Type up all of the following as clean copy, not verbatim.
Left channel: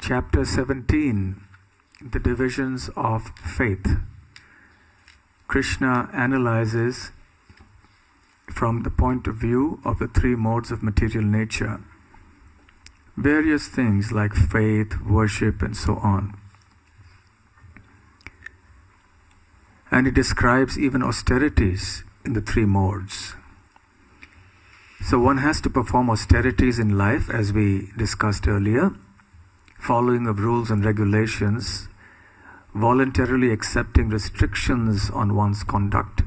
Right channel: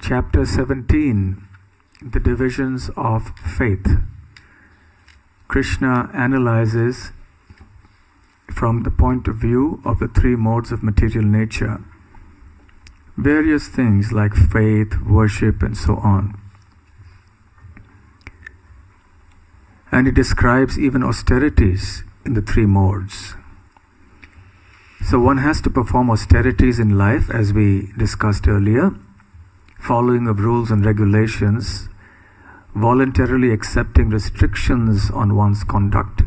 Chapter 17, the divisions of faith. Krishna analyzes from the point of view of the three modes of material nature various things like faith, worship, and so on. And he describes even austerities in the three modes. So one has to perform austerities in life, as we discussed earlier, following of rules and regulations, voluntarily accepting restrictions on one's conduct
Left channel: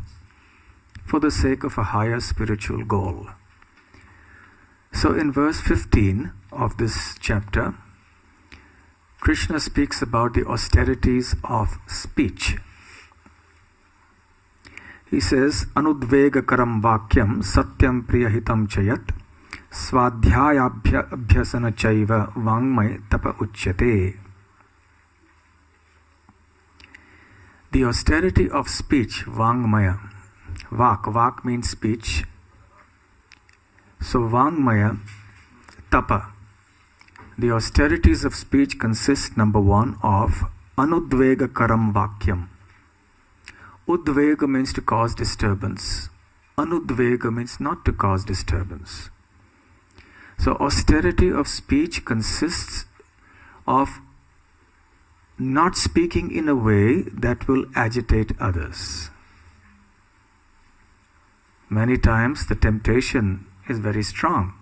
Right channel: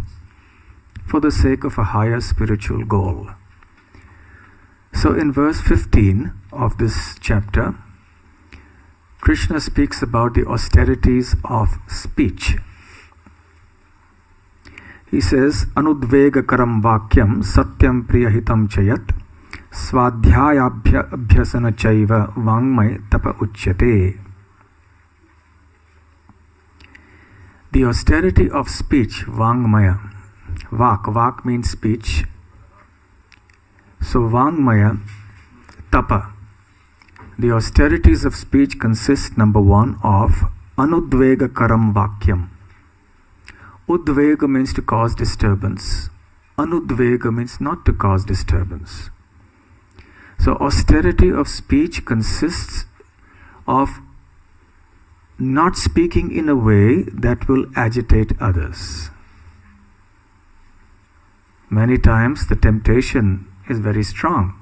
for the sake of a higher spiritual goal. So in verse 15 of this chapter, Krishna speaks about the austerities of speech. He says, Anudvegakaram vakyam satyam priyahitam chayat swadhyayabhyasana chaiva vangmay tapa uchyate. The austerity of speech, vangmaya. Vak means speech. So vangmaya, tapa. The austerities of speech consist, number one, of anudvegakaram vakyam. Udvega means to cause disturbance. Anudvega means not to cause disturbance. So austerity of speech consists of not speaking in a way that will agitate others. Many times the temptation is very strong.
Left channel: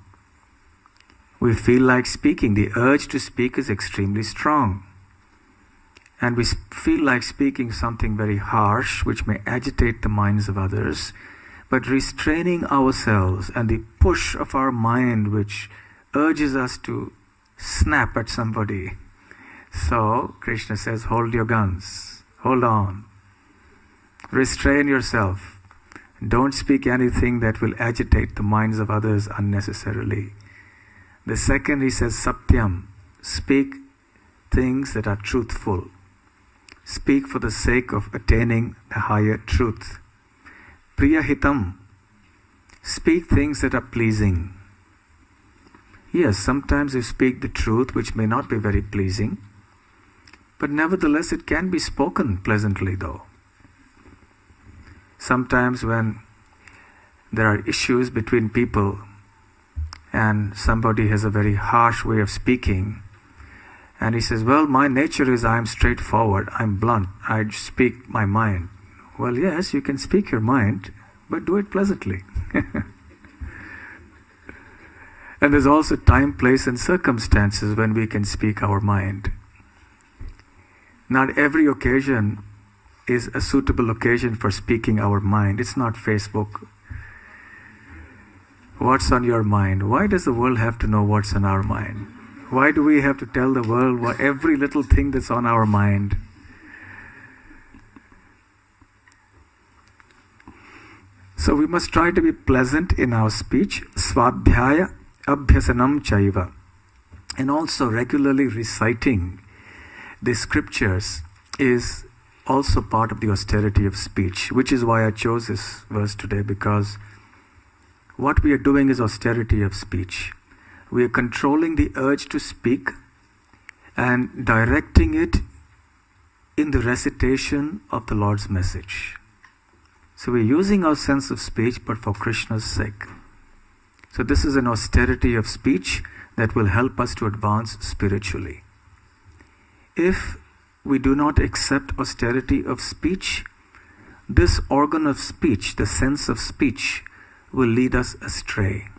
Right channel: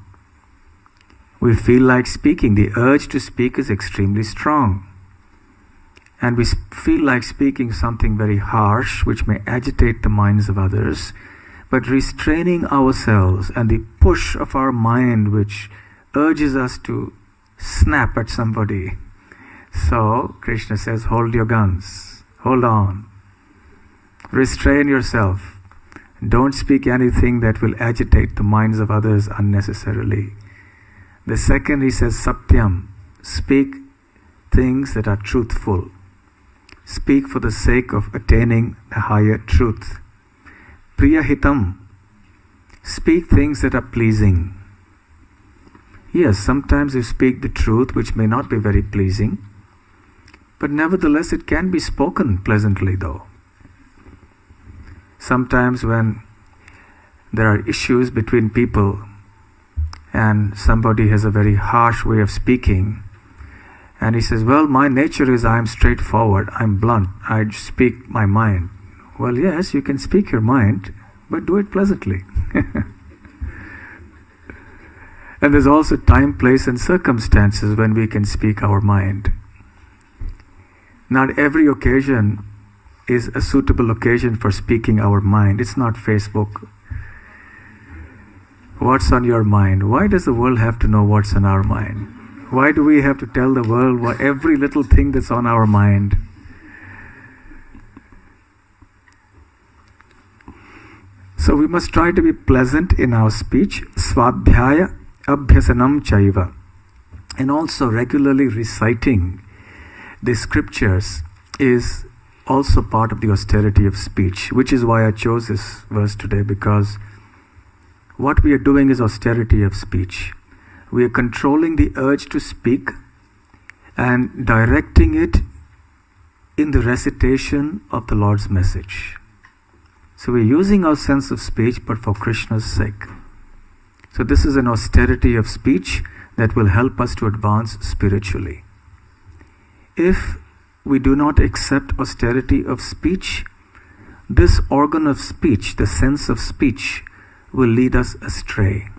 We feel like speaking. The urge to speak is extremely strong. And we feel like speaking something very harsh, which may agitate the minds of others, but restraining ourselves and the push of our mind, which urges us to snap at somebody. So, Krishna says, hold your guns, hold on, restrain yourself, don't speak anything that will agitate the minds of others unnecessarily. The second, he says, satyam, speak things that are truthful. Speak for the sake of attaining the higher truth. Priyahitam, speak things that are pleasing. Yes, sometimes you speak the truth which may not be very pleasing, but nevertheless it can be spoken pleasantly though. Sometimes when there are issues between people and somebody has a very harsh way of speaking, and he says, well, my nature is I'm straightforward, I'm blunt, I speak my mind. Well, yes, you can speak your mind, but do it pleasantly. And there's also time, place, and circumstances when we can speak our mind. Not every occasion is a suitable occasion for speaking our mind. It's not Facebook. What's on your mind? Why does the world have to know what's on our mind? Why do we have to tell the world what every little thing that's on our mind? So we must try to be pleasant in our speech. Swadhyaya abhyasanam chaiva. And also regularly reciting the scriptures is also part of the austerity of speech, which is why I chose this verse today, because what we are doing is austerity of speech. We are controlling the urge to speak and directing it in the recitation of the Lord's message. So we are using our sense of speech, but for Krishna's sake. So this is an austerity of speech that will help us to advance spiritually. If we do not accept austerity of speech, this organ of speech, the sense of speech, will lead us astray.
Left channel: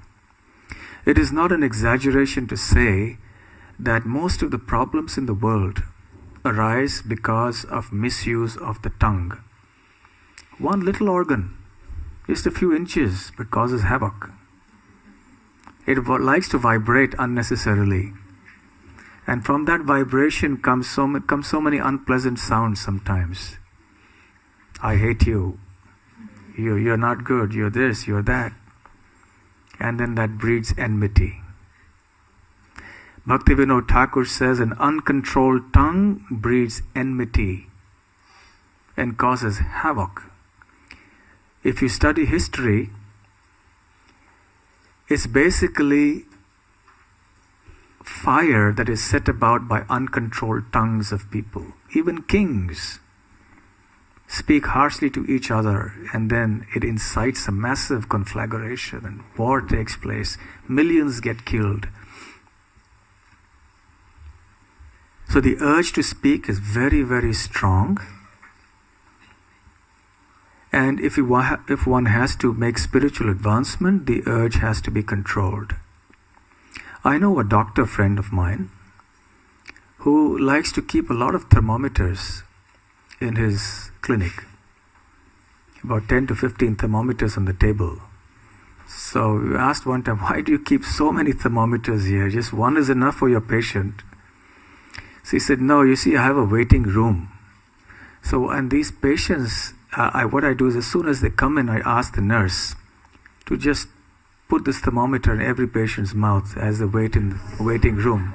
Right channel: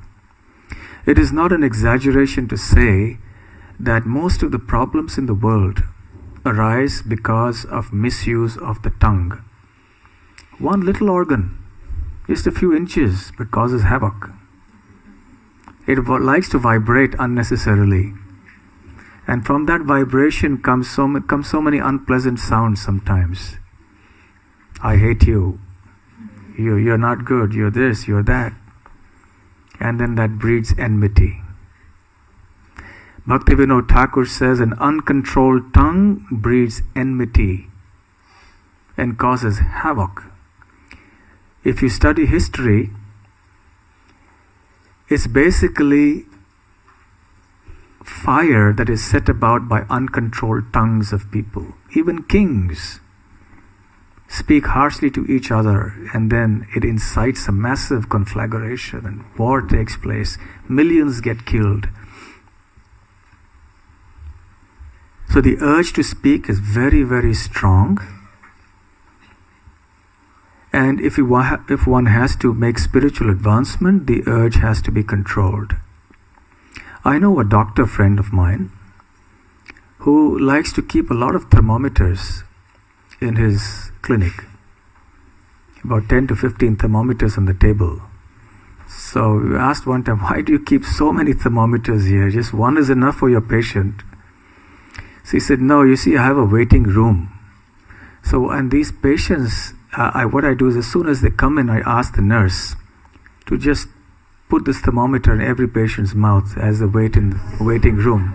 It is not an exaggeration to say that most of the problems in the world arise because of misuse of the tongue. One little organ, just a few inches, but causes havoc. It likes to vibrate unnecessarily. And from that vibration comes so many unpleasant sounds sometimes. I hate you. You're not good. You're this, you're that. And then that breeds enmity. Bhaktivinoda Thakur says an uncontrolled tongue breeds enmity and causes havoc. If you study history, it's basically fire that is set about by uncontrolled tongues of people. Even kings speak harshly to each other, and then it incites a massive conflagration and war takes place. Millions get killed. So the urge to speak is very, very strong. And if one has to make spiritual advancement, the urge has to be controlled. I know a doctor friend of mine who likes to keep a lot of thermometers in his clinic. About 10 to 15 thermometers on the table. So we asked one time, why do you keep so many thermometers here? Just one is enough for your patient. So he said, no, you see, I have a waiting room. So, and these patients, what I do is as soon as they come in, I ask the nurse to just put this thermometer in every patient's mouth as they wait in the waiting room.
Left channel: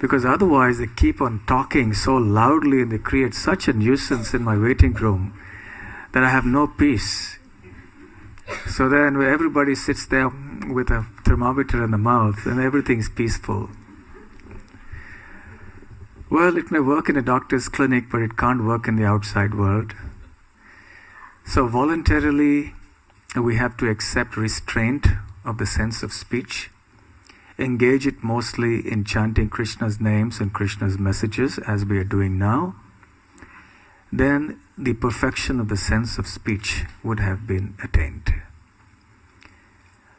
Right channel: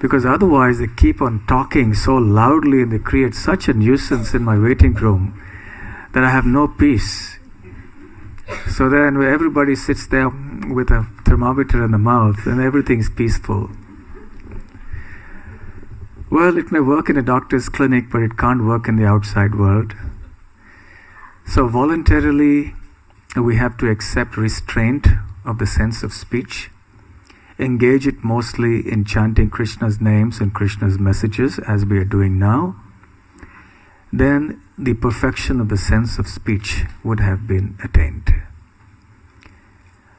Because otherwise they keep on talking so loudly and they create such a nuisance in my waiting room that I have no peace. So then everybody sits there with a thermometer in the mouth and everything's peaceful. Well, it may work in a doctor's clinic, but it can't work in the outside world. So voluntarily, we have to accept restraint of the sense of speech, engage it mostly in chanting Krishna's names and Krishna's messages as we are doing now. Then the perfection of the sense of speech would have been attained.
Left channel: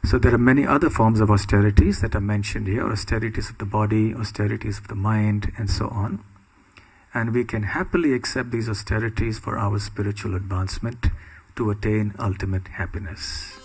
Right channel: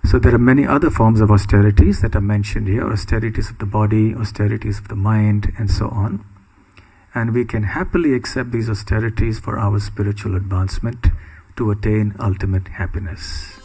So there are many other forms of austerities that are mentioned here, austerities of the body, austerities of the mind, and so on. And we can happily accept these austerities for our spiritual advancement to attain ultimate happiness.